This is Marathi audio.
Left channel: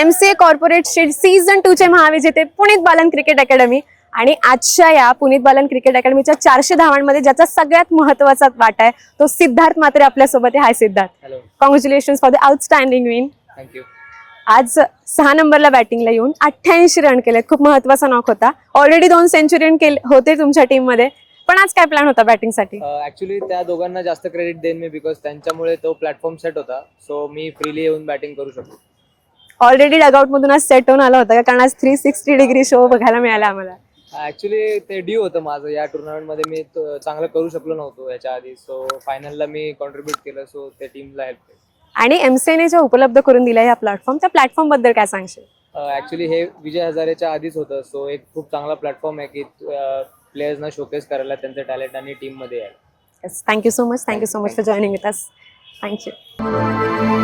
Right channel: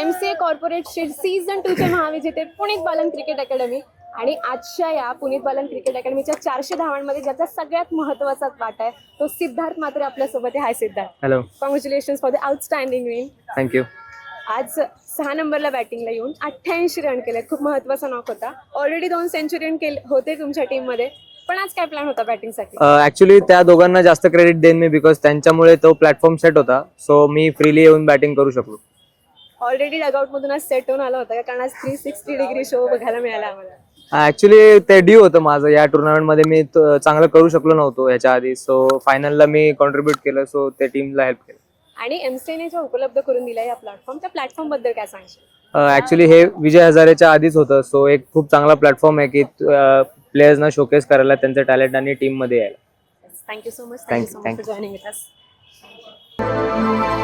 MCA कॉर्पोरेट स्टेट सीझन 2 चे महाविजेते पुनीत बालन क्रिकेट अकॅडमी आणि आजच्या या पुनीत बालन क्रिकेट अकॅडमीच्या 400 धावांमध्ये ज्याचा सगळ्यात महत्त्वाचा वाटा आहे तो सिद्धार्थ मात्रे आपल्यासोबत आहे. Hi Siddharth. Hello. Congratulation for the outstanding win. Thank you. आज 6 नंबरला बॅटिंगला येऊन 88 रन केले. खूप महत्त्वाचा नॉक होता. ऑलरेडी 2 सेंचुरी केले होते तुमच्या टीम मध्ये, पण आज काय प्लॅन होता बॅटिंग साठी? ऍक्च्युली त्या दोघांना जास्त क्रेडिट देईन मी, बिकॉज त्यांच्यामुळे तो प्लॅटफॉर्म सेट होता. सो मी फ्रीली येऊन बॅटिंग करू शकलो. ऑलरेडी डगआउट मधून आज सेट होऊन आला होता का? कारण आज 360 डिग्री शो बघायला मिळाला आम्हाला. ऍक्च्युली ते ड्यू होतं माझं. या टुर्नामेंट मध्ये मी चांगलं करू शकलो नव्हतो याच्या आधी. सो फायनलला मी कॉन्ट्रीब्युट केलं. सो त्या टीमला हेल्प केलं. आणि MCA जे उपलब्ध करून दिला या प्लॅटफॉर्म, त्या प्लॅटफॉर्म बद्दल काय सांगशील? ऍक्च्युली हे विजय हजारेच्या आधीच होतं. सो एक खूप चांगला प्लॅटफॉर्म आहे की प्लेयर्सना शोकेस करायला त्यांचं टॅलेंट आणि टीम मध्ये यायला. Thank you so much. Thank you so much for joining with us. Thank you.